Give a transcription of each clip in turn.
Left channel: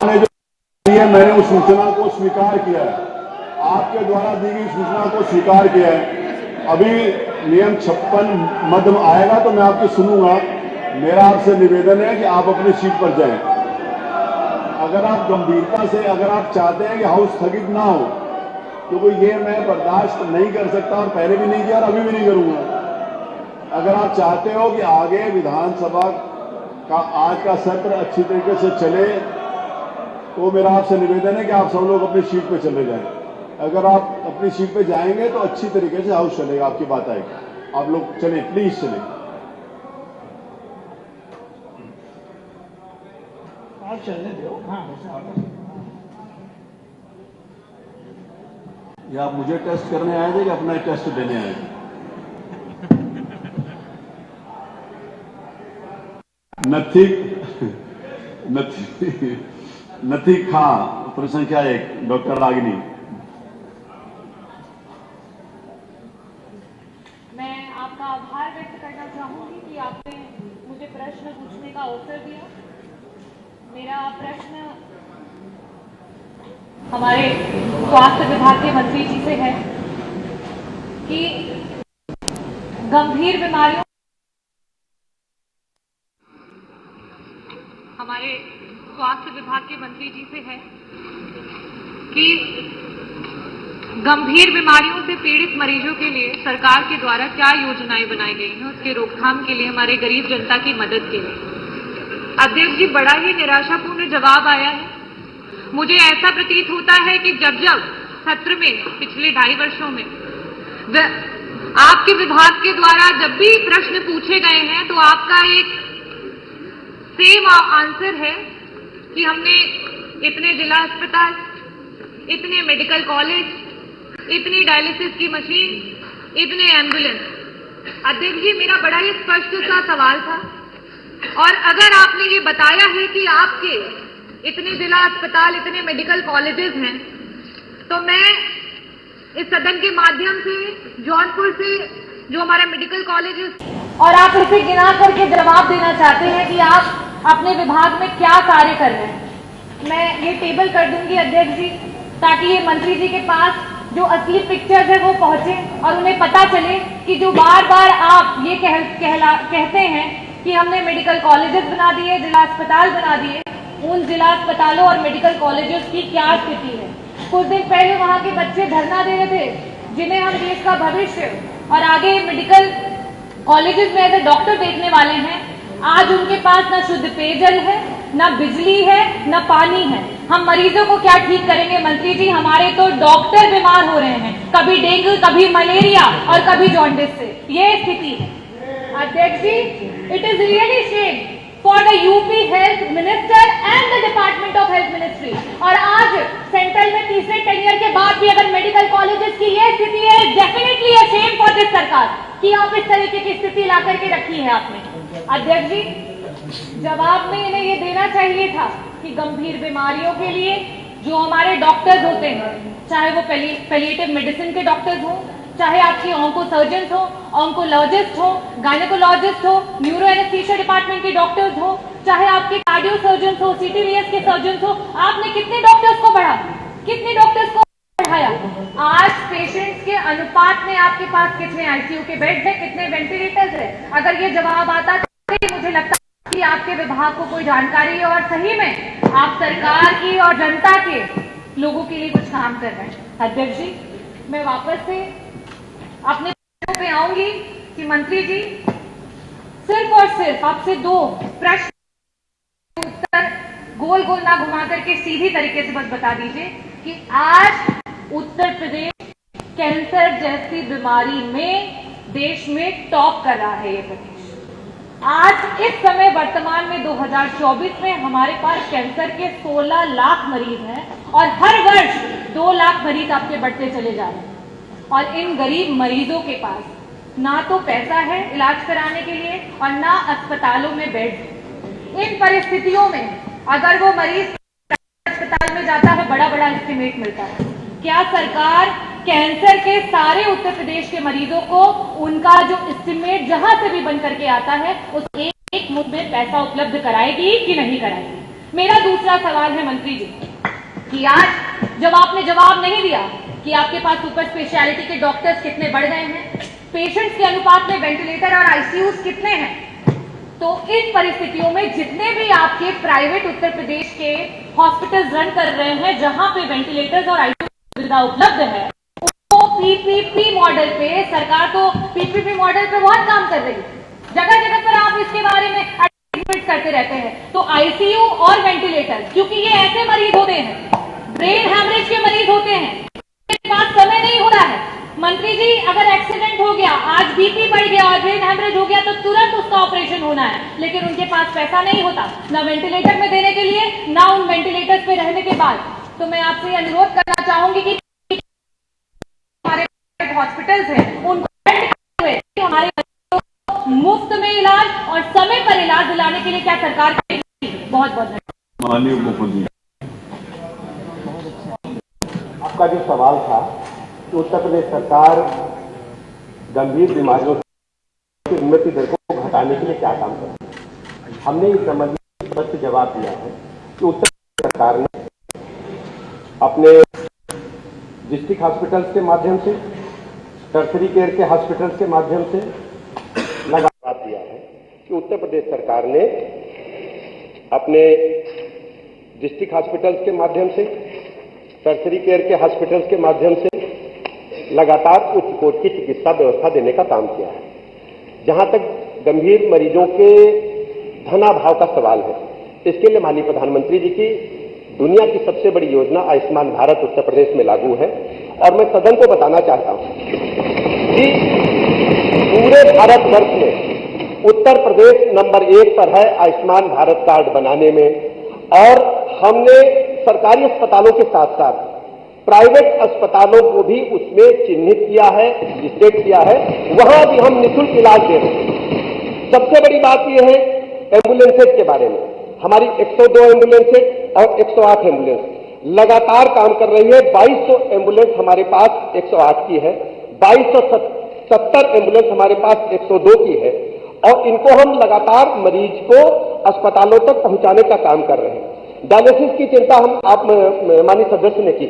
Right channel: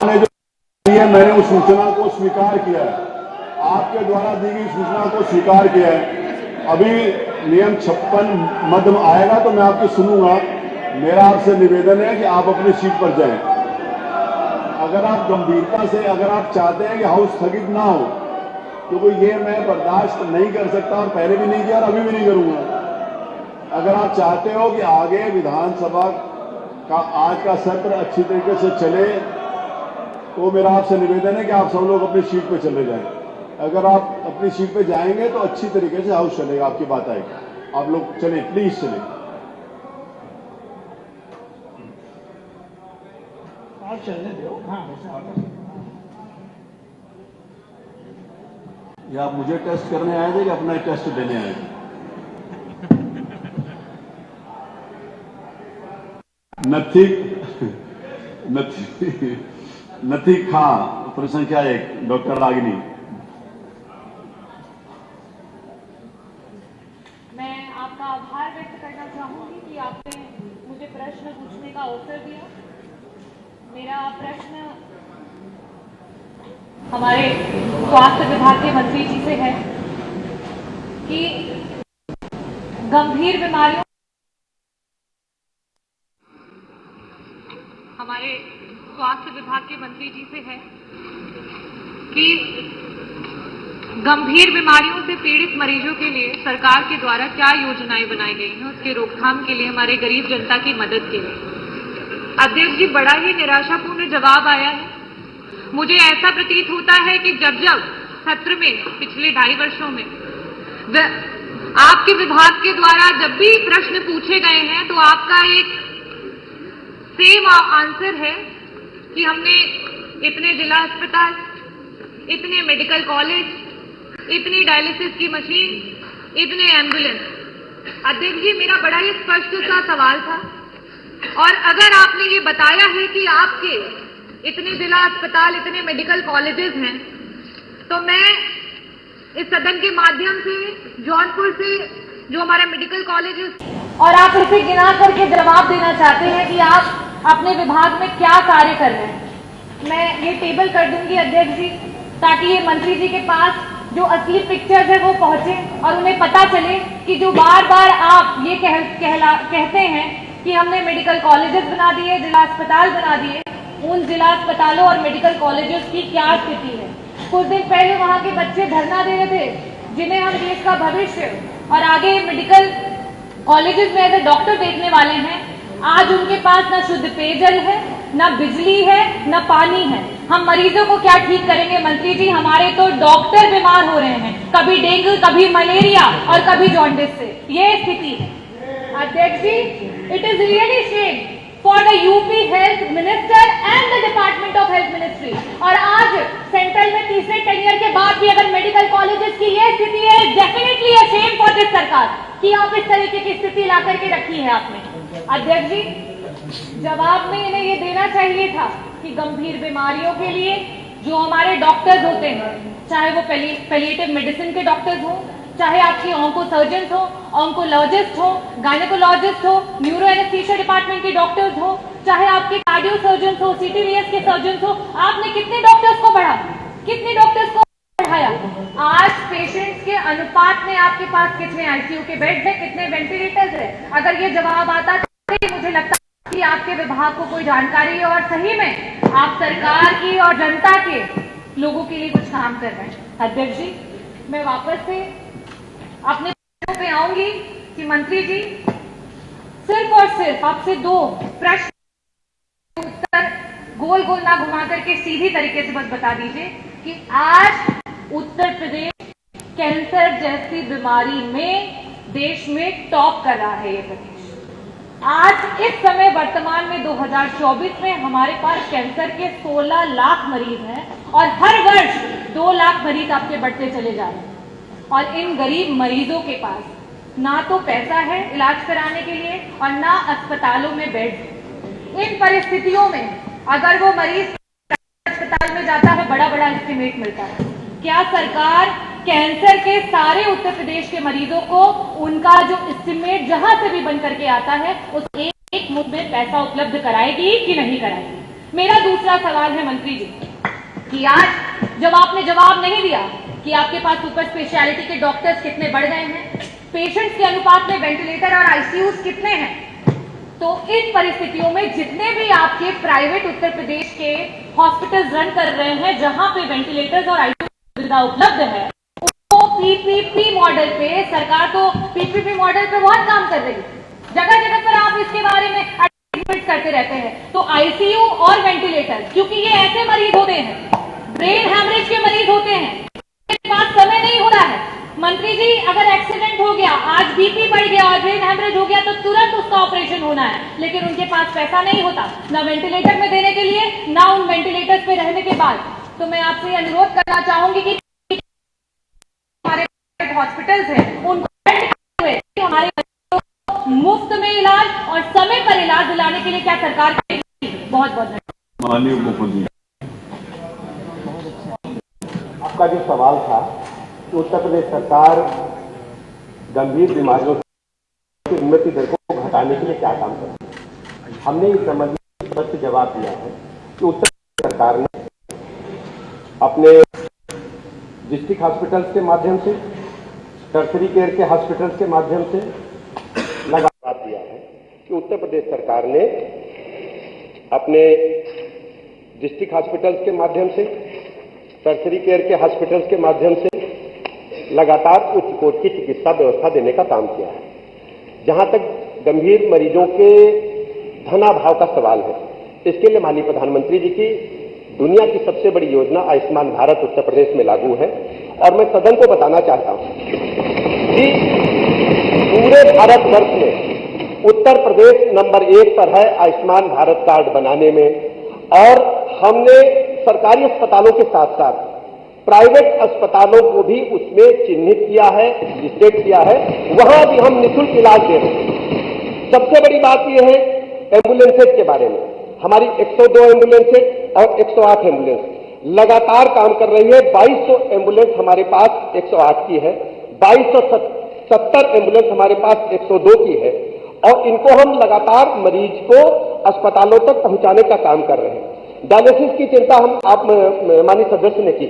ने जो दिया, मैंने उस सूचना को स्वीकार किया है, आपके द्वारा दी गई सूचना को स्वीकार किया है। अभी नियम 56 मद आएगा तो मैं आपकी सुनूंगा। मेरा आपसे निवेदन है कि आप अपनी सीट पर जाएं। अगर आप गंभीरता से, अगर आप चाहते हैं कि हाउस स्थगित ना हो, क्योंकि ये मैं बर्दाश्त नहीं कर सकता और पहले भी नहीं किया और अभी भी नहीं करूंगा। अगर आप चाहते हो कि आगे विधानसभा का आज का सत्र अच्छी तरीके से चले, तो मेरा आपसे निवेदन है कि आप सब लोग अपनी सीट पे चले जाएं। अगर आप अपनी सीट पे जाएंगे तो अच्छी तरीके से हाउस चलेगा, आपकी बात आएगी। आप लोग चलें, प्लीज चलें। चलने दो। हाँ, या आप मुझे टेस्ट करने आए थे कि अपना टेस्ट देने आए थे? नथी खा प्रश्न संख्या 1 डॉक्टर रागिनी। मैं आपका आभार व्यक्त करना चाहूंगी कि आपने मुझे प्रश्न पूछने का अवसर दिया। मेरा प्रश्न हमारे स्वास्थ्य विभाग के मंत्री जी से है कि गंभीर बीमारियों, हमारे स्वास्थ्य विभाग के मंत्री जी से है कि गंभीर बीमारियों से पीड़ित मरीजों के लिए सरकार के द्वारा क्या योजनाएं बनाई गई हैं, उसके रोकथाम के लिए, हमारे गरीब जनता की मदद के लिए। अध्यक्ष जी, बड़ा ही निराशापूर्ण जवाब आया है। मुझे ऐसा प्रतीत होता है कि जब जब सत्र में पिछले 2.5 वर्षों में आपके विभाग के द्वारा जब भी प्रश्न पूछे गए हैं तो आपका एक सेम आंसर है कि हमने इतने जिला अस्पताल, इतने मेडिकल कॉलेज, इतनी डायलिसिस की मशीन, इतने एम्बुलेंस। अध्यक्ष जी, मेरा बड़ा ही स्पष्ट सा सवाल था, और अगर आपने ये बताया है कि आपके इतने जिला अस्पताल, इतने मेडिकल कॉलेजेस हैं, तो मैं इस सदन के माध्यम से जौनपुर से जो हमारा मेडिकल कॉलेजेस, और आप उसे गिना करके जवाब देना चाहते हैं कि आप अपने विभाग में क्या कार्य कर रहे हैं। मैं ये टेबल कर दूंगी अध्यक्ष जी, ताकि ये मंत्री जी के पास जो असली पिक्चर्स है वो पहुंचे और उन्हें पता चले कि जो बार बार आप ये कहते हैं कि हमने मेडिकल कॉलेजेस बना दिए, जिला अस्पताल बना दिए, उन जिला अस्पतालों और मेडिकल कॉलेजेस की क्या स्थिति है। कुछ दिन पहले वहां के बच्चे धरना दे रहे थे, जिन्हें हम देश का भविष्य और आगे मेडिकल कॉलेजेस में एज ए डॉक्टर देखने वाले हैं। आज उनके पास न शुद्ध पेयजल है, न बिजली है, न पानी है। हम मरीजों को क्या ठीक करेंगे मंत्री जी? हमारे तो डॉक्टर बीमार हो रहे हैं, कभी डेंगू, कभी मलेरिया और कभी जॉन्डिस से। ये स्थिति है अध्यक्ष जी। It is really shame for the UP health minister and the department of health ministry। और आज सेंट्रल में तीसरे टेनियर के बाद भी अगर मेडिकल कॉलेजेस की ये स्थिति है, definitely a shame for this सरकार कि आप इस तरीके की स्थिति ला करके रखी है आपने। अध्यक्ष जी, जवाब में इन्हें ये देना चाहिए था कि गंभीर बीमारियों के लिए जो हमारे डॉक्टर्स होते हैं, चाहे वो पैलिएटिव मेडिसिन के डॉक्टर्स हों, चाहे आपकी ऑन्को सर्जन हो, ऑन्कोलॉजिस्ट हो, गायनेकोलॉजिस्ट हो, न्यूरो एनेस्थीसिया डिपार्टमेंट के डॉक्टर्स हो, चाहे आपके कार्डियो सर्जन हो, सीटीवीएस के सर्जन हो, आपने कितने डॉक्टर्स को बढ़ाया, कितने डॉक्टर्स को बढ़ाया? आज पेशेंट्स के अनुपात में आपके पास कितने आईसीयू के बेड है, कितने वेंटिलेटर्स है? अगर ये जवाब आता तो मुझे लगता है कि आपके विभाग को कोई जानकारी है और सही में आप सरकार की और जनता के लोगों के लिए कुछ काम कर रहे हैं। अध्यक्ष जी, मैं वापस से अपने पे आऊंगी कि मंत्री जी सिर्फ और सिर्फ आपसे 2 प्रश्न उत्तर गोल गोल ना घुमा करके सीधी तरीके से बस बता दीजिए कि आज उत्तर प्रदेश कैंसर जैसी बीमारी में देश में टॉप कर रहा है। ये प्रदेश आज इस समय वर्तमान में 2024 में हमारे पास कैंसर के 16 लाख मरीज हैं और हर वर्ष 2 लाख मरीज आपके बढ़ते चले जा रहे हैं। और इन गरीब मरीजों के पास ना तो पैसा है इलाज कराने के लिए और ना अस्पतालों में बेड। इन परिस्थितियों में अगर वो मरीज अस्पताल में जाता है, बड़ा बड़ा एस्टिमेट मिलता है। क्या सरकार कैंसर के सारे उत्तर प्रदेश के मरीजों को उनका जो एस्टिमेट जहां से भी बन करके आता है उस एक मुफ्त में पैसा उपलब्ध कराएगी कि नहीं कराएगी? मेरा दूसरा सवाल है मंत्री जी कि आज जब आपने जवाब नहीं दिया कि आपके पास सुपर स्पेशलिटी के डॉक्टर्स कितने बढ़ गए हैं, पेशेंट्स के अनुपात में वेंटिलेटर और आईसीयूज कितने हैं, तो इन परिस्थितियों में जितने भी आपके प्राइवेट उत्तर प्रदेश के हॉस्पिटल्स रन कर रहे हैं जहां पे वेंटिलेटर्स और आईसीयू सुविधा उपलब्ध है, तो पीपीपी मॉडल पे सरकार तो पीपीपी मॉडल पे बहुत काम कर रही है। जगह जगह पर आप इसके बारे में एडवर्टाइज करते रहते हैं। तो आईसीयू और वेंटिलेटर, क्योंकि ये ऐसे मरीज होते हैं, ब्रेन हैमरेज के मरीज होते हैं, पास समय नहीं हो रहा है। मंत्री जी, अगर एक्सीडेंट हो गया, आज बीपी बढ़ गया और ब्रेन हैमरेज हो गया तो तुरंत उसका ऑपरेशन होना है, लेकिन उनके पास पैसा नहीं होता ना वेंटिलेटर में देने के लिए, ना उन वेंटिलेटर्स पे रहने के बाद। तो मैं आपसे अनुरोध करना चाहूंगी कि हमारे हॉस्पिटल्स हैं उनको हमारे मुफ्त में इलाज और समय पर इलाज दिलाने के लिए क्या सरकार करेगी? बहुत बहुत धन्यवाद। माननीय मुख्यमंत्री, आपका जो सवाल था कि उत्तर प्रदेश सरकार गंभीर बीमारियों की मृत्यु दर को घटाने के लिए क्या काम कर रही है, हमने इस संबंध में स्पष्ट जवाब दिया है कि उत्तर प्रदेश सरकार ने अपने डिस्ट्रिक्ट हॉस्पिटल्स के माध्यम से, टर्शरी केयर के हॉस्पिटल्स के माध्यम से लगातार दिया है कि उत्तर प्रदेश सरकार ने अपने डिस्ट्रिक्ट हॉस्पिटल्स के माध्यम से, टर्शरी केयर के हॉस्पिटल्स के माध्यम से लगातार उच्च कोटि की चिकित्सा व्यवस्था देने का काम किया है। जहां तक गंभीर मरीजों के धनाभाव का सवाल है, इसके लिए माननीय प्रधानमंत्री जी की दुनिया की सबसे बड़ी योजना आयुष्मान भारत उत्तर प्रदेश में लागू है। और मैं सदन को बताना चाहता हूं कि पूरे भारतवर्ष में उत्तर प्रदेश नंबर 1 पर है आयुष्मान भारत कार्ड बनाने में। और हमने सरकारी अस्पतालों के साथ साथ प्राइवेट अस्पतालों को भी उसमें चिन्हित किया है, रजिस्ट्रेट किया है, वहां भी हम निःशुल्क इलाज दे रहे हैं। सबसे बड़ी बात यह है एम्बुलेंसेज के बारे में, हमारी 102 एम्बुलेंसेज और 108 एम्बुलेंस लगातार काम कर रही है। 2200 एम्बुलेंस हमारे पास 108 की है, 2270 एम्बुलेंस हमारे पास 102 की है, और इनको हम लगातार मरीज को अस्पतालों तक पहुंचाने का काम कर रहे हैं। डायलिसिस की चिंता हम आप माननीय सदस्य ने की।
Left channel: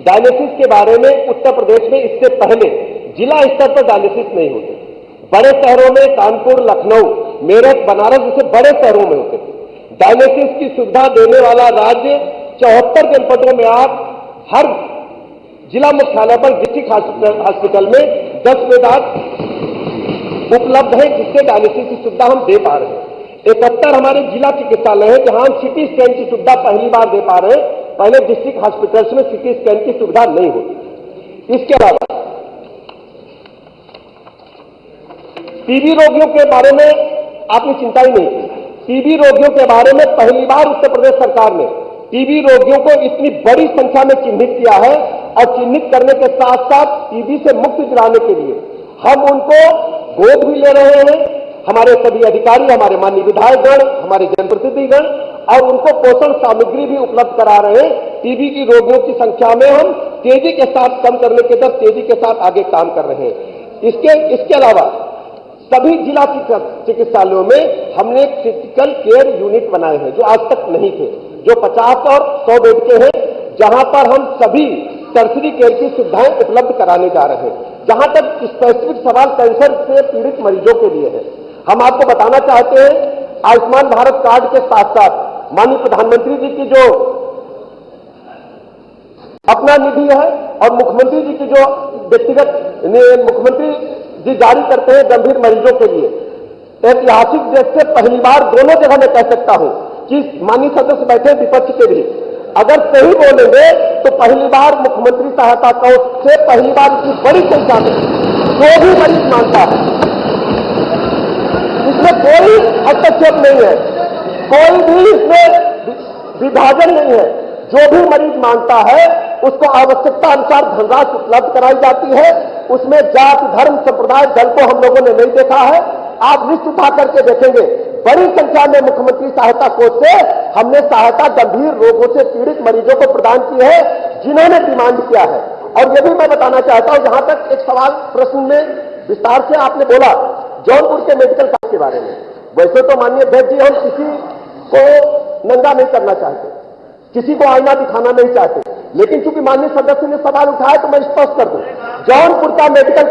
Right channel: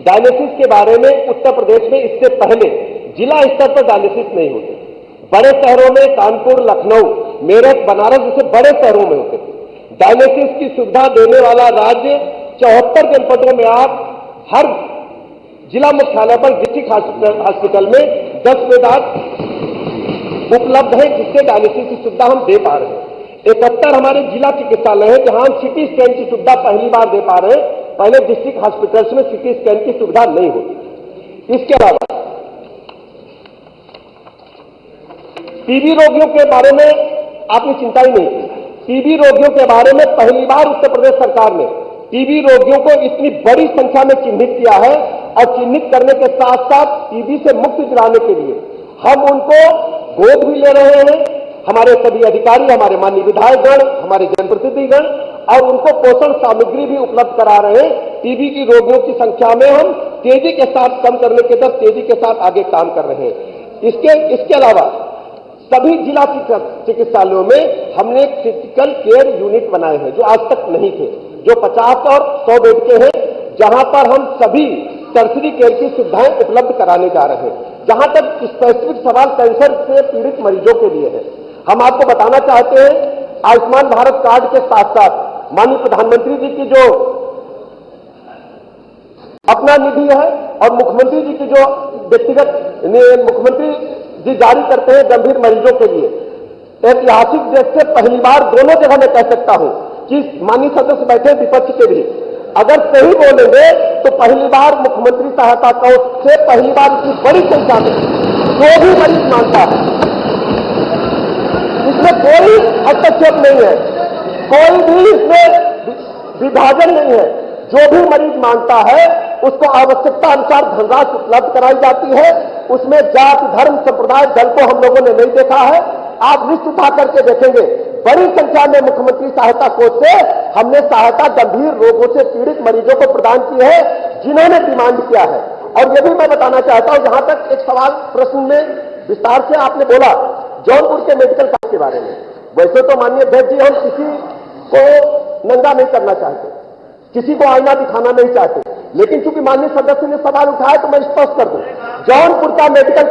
डायलिसिस के बारे में उत्तर प्रदेश में इससे पहले जिला स्तर पर डायलिसिस नहीं होते। बड़े शहरों में कानपुर, लखनऊ, मेरठ, बनारस जैसे बड़े शहरों में होते थे। डायलिसिस की सुविधा देने वाला राज्य 74 जनपदों में आप हर जिला मुख्यालय पर डिस्ट्रिक्ट हॉस्पिटल में 10 बेड उपलब्ध है, जिससे डायलिसिस की सुविधा हम दे पा रहे हैं। 71 हमारे जिला चिकित्सालय है जहां हम सिटी स्कैन की सुविधा पहली बार दे पा रहे हैं। पहले डिस्ट्रिक्ट हॉस्पिटल्स में सिटी स्कैन की सुविधा नहीं होती। इसके अलावा टीबी रोगियों के बारे में आपने चिंता ही नहीं की। टीबी रोगियों के बारे में पहली बार उत्तर प्रदेश सरकार ने टीबी रोगियों को इतनी बड़ी संख्या में चिन्हित किया है, और चिन्हित करने के साथ साथ टीबी से मुक्ति दिलाने के लिए हम उनको गोद भी ले रहे हैं। हमारे सभी अधिकारी, हमारे माननीय विधायकगण, हमारे जनप्रतिनिधिगण, और उनको पोषण सामग्री भी उपलब्ध करा रहे हैं। टीबी की रोगियों की संख्या में हम तेजी के साथ कम करने के तरफ तेजी के साथ आगे काम कर रहे हैं। इसके अलावा सभी जिला चिकित्सालयों में हमने एक क्रिटिकल केयर यूनिट बनाए हैं जो आज तक नहीं थे, जो 50 और 100 बेड के हैं, जहां पर हम सभी टर्शरी केयर की सुविधाएं उपलब्ध कराने जा रहे हैं। जहां तक स्पेसिफिक सवाल कैंसर से पीड़ित मरीजों के लिए है, हम आपको बताना चाहते हैं आयुष्मान भारत कार्ड के साथ साथ माननीय प्रधानमंत्री जी की जो अपना निधि है और मुख्यमंत्री जी की जो व्यक्तिगत मुख्यमंत्री जी जारी करते हैं गंभीर मरीजों के लिए, ऐतिहासिक देश से पहली बार दोनों जगह मैं कह सकता हूं कि माननीय सदस्य बैठे विपक्ष के भी, अगर सही बोलेंगे तो पहली बार मुख्यमंत्री सहायता कोष से पहली बार इतनी बड़ी संख्या में जो भी मरीज मांगता है, इसमें कोई हस्तक्षेप नहीं है, कोई भी इसमें विभाजन नहीं है। जो भी मरीज मांगता है उसको आवश्यकता अनुसार धनराशि उपलब्ध कराई जाती है। उसमें जाति, धर्म, संप्रदाय, दल को हम लोगों ने नहीं देखा है। आप लिस्ट उठा करके देखेंगे, बड़ी संख्या में मुख्यमंत्री सहायता कोष से हमने सहायता गंभीर रोगों से पीड़ित मरीजों को प्रदान की है जिन्होंने डिमांड किया है। और ये भी मैं बताना चाहता हूं, जहां तक एक सवाल प्रश्न में विस्तार से आपने बोला जौनपुर के मेडिकल कॉलेज के बारे में, वैसे तो माननीय अध्यक्ष जी हम किसी को नंगा नहीं करना चाहते, किसी को आईना दिखाना नहीं चाहते, लेकिन चूंकि माननीय सदस्य ने सवाल उठाया तो मैं स्पष्ट कर दूं, जौनपुर का मेडिकल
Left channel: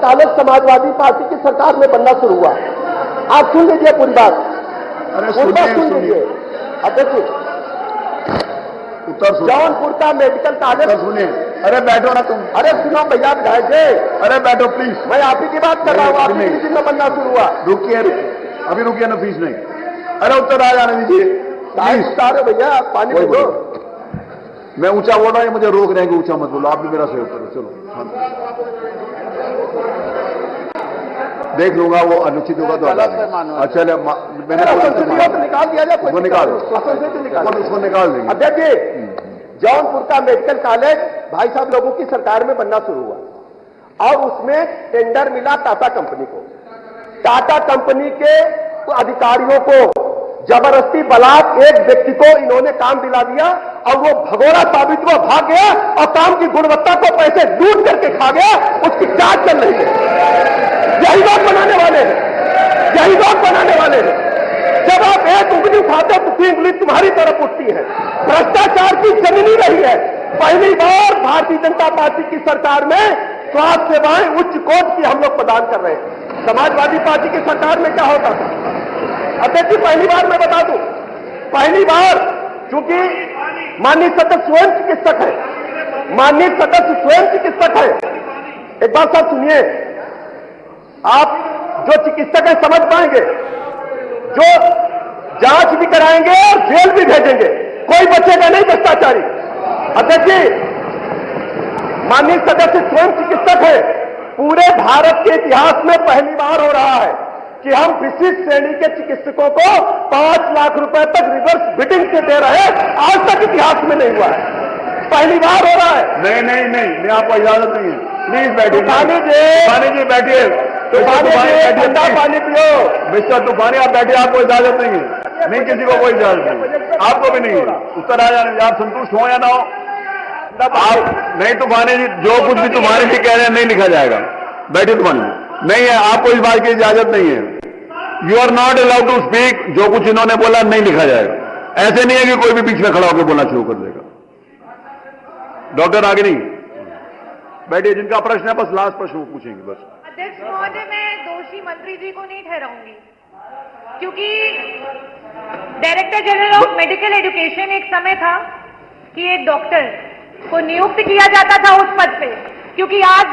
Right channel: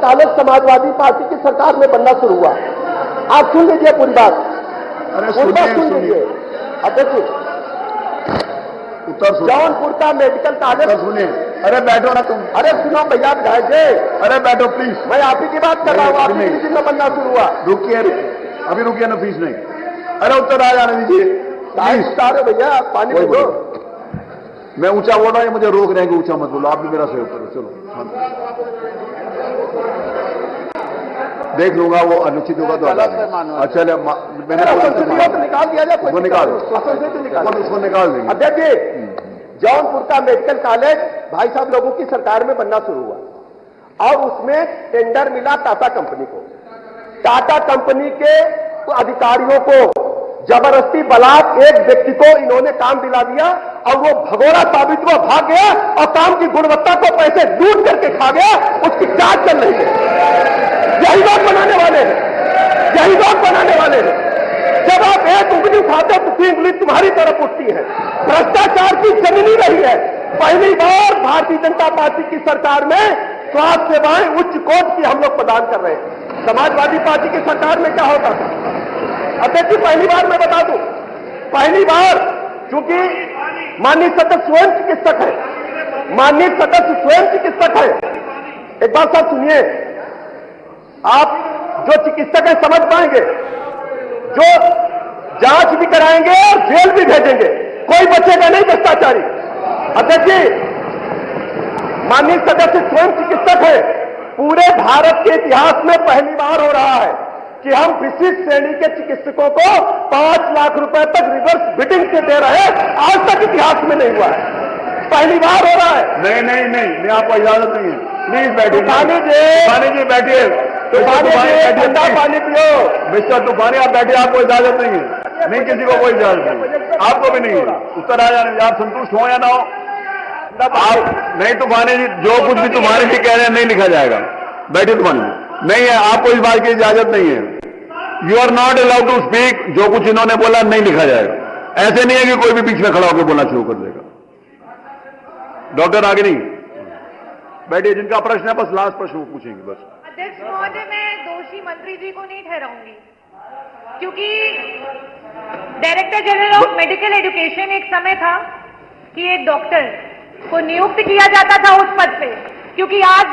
कॉलेज समाजवादी पार्टी की सरकार में बनना शुरू हुआ। आप सुन लीजिए पूरी बात, सुन लीजिए। अब देखिए, जौनपुर का मेडिकल कॉलेज सुनिए। अरे बैठो ना तुम, अरे सुनो भैया विधायक जी, अरे बैठो प्लीज। मैं आप ही की बात कर रहा हूँ, आप ही की में बनना शुरू हुआ। रुकिए, अभी रुकिए ना, फीस नहीं। अरे उत्तर आ जाने दीजिए प्लीज। सारे भैया पानी दे दो। मैं ऊंचा बोल रहा हूं, मुझे रोक रहे हैं कि ऊंचा मत बोलो। आप भी मेरा सहयोग करो। चलो देख लूंगा, वो अनुचित होगा तो अच्छा मैंने निकाल दिया जाए, वो निकाल इसको निकाल देंगे। अध्यक्ष जी, जौनपुर का मेडिकल कॉलेज भाई साहब लोगों की सरकार में बनना शुरू हुआ और उसमें टेंडर मिला टाटा कंपनी को। टाटा कंपनी के अधिकारियों को जबरदस्ती बलात् एक व्यक्ति को इन्होंने काम दिला दिया और वो भगोड़ा साबित हुआ, भाग गया और काम की गुणवत्ता को पैसे लूट करके खा गया। उसकी जांच चल रही है। यही लोग बनाने वाले हैं, यही लोग बनाने वाले हैं। जब आप एक उंगली उठाते तो तीन उंगली तुम्हारी तरफ उठती है। भ्रष्टाचार की जमीन ही रही है। पहली बार भारतीय जनता पार्टी की सरकार में स्वास्थ्य सेवाएं उच्च कोटि की हम लोग प्रदान कर रहे हैं। समाजवादी पार्टी की सरकार में क्या होता था? अध्यक्ष जी, पहली बार मैं बता दूं, पहली बार चूंकि माननीय सदस्य स्वयं चिकित्सक है, एक बात साहब सुनिए, आप जो चिकित्सक है समझ पाएंगे, जो जांच भी कराएंगे और जेल भी भेजेंगे, कोई बचेगा नहीं भ्रष्टाचारी। अध्यक्ष जी, माननीय सदस्य स्वयं चिकित्सक है। पूरे भारत के इतिहास में पहली बार हो रहा है कि हम विशिष्ट श्रेणी के चिकित्सकों को 5 लाख रुपए तक रिवर्स बिडिंग से दे रहे हैं। आज तक इतिहास में नहीं हुआ है, पहली बार हो रहा है। नहीं, आपको इजाजत नहीं है। प्लीज बैठिए। तूफानी जी बैठिए, ठंडा पानी पियो। मिस्टर तूफानी आप बैठिए, आपको इजाजत नहीं है। नहीं, किसी को कोई इजाजत नहीं, आपको भी नहीं है। उत्तर आ जाने, आप संतुष्ट हो या ना हो। नहीं तूफानी जी, जो कुछ भी तुम्हारे भी कह रहे हैं नहीं लिखा जाएगा। बैठिए तूफानी जी, नहीं है, आपको इस बात की इजाजत नहीं है। You are not allowed to speak. जो कुछ इन्होंने बोला नहीं लिखा जाएगा। ऐसे नहीं है कि कोई भी बीच में खड़ा होकर बोलना शुरू कर देगा। डॉक्टर आगे नहीं बैठिए, जिनका प्रश्न है बस लास्ट प्रश्न वो पूछेंगे बस। अध्यक्ष महोदय, मैं दोषी मंत्री जी को नहीं ठहराऊंगी, क्योंकि director general of medical education एक समय था कि एक डॉक्टर को नियुक्त किया जाता था उस पद पे, क्योंकि आज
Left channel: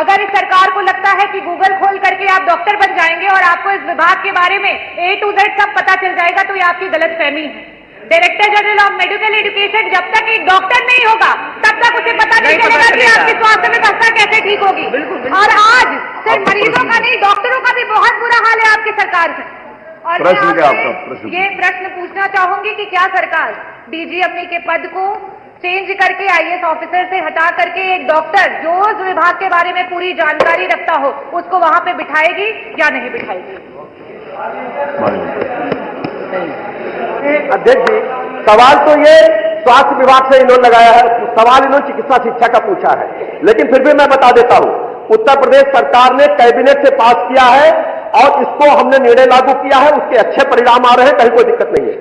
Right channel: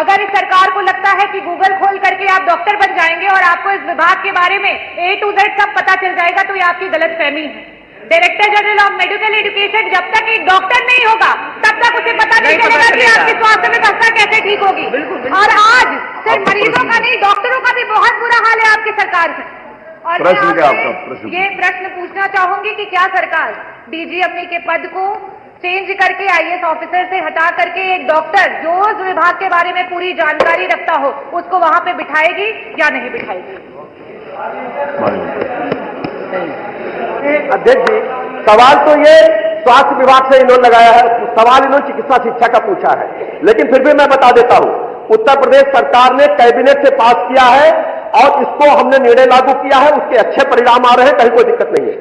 अगर इस सरकार को लगता है कि गूगल खोल करके आप डॉक्टर बन जाएंगे और आपको इस विभाग के बारे में A to Z सब पता चल जाएगा, तो ये आपकी गलतफहमी है। Director general of medical education जब तक एक डॉक्टर नहीं होगा तब तक उसे पता नहीं चलेगा कि आपकी स्वास्थ्य व्यवस्था कैसे ठीक होगी। और आज सिर्फ मरीजों का नहीं, डॉक्टरों का भी बहुत बुरा हाल है आपकी सरकार से। और प्रश्न क्या आपका? ये प्रश्न पूछना चाहूंगी कि क्या सरकार डीजीएमई के पद को चेंज करके IAS ऑफिसर से हटा करके एक डॉक्टर जो उस विभाग के बारे में पूरी जानकारी रखता हो उसको वहां पे बिठाएगी या नहीं बिठाएगी? अध्यक्ष जी, सवाल तो ये स्वास्थ्य विभाग से इन्होंने लगाया है, सवाल इन्होंने चिकित्सा शिक्षा का पूछा है, लेकिन फिर भी मैं बता देता हूं, उत्तर प्रदेश सरकार ने कैबिनेट से पास किया है और इसको हमने निर्णय लागू किया है, उसके अच्छे परिणाम आ रहे हैं, कहीं कोई दिक्कत नहीं है।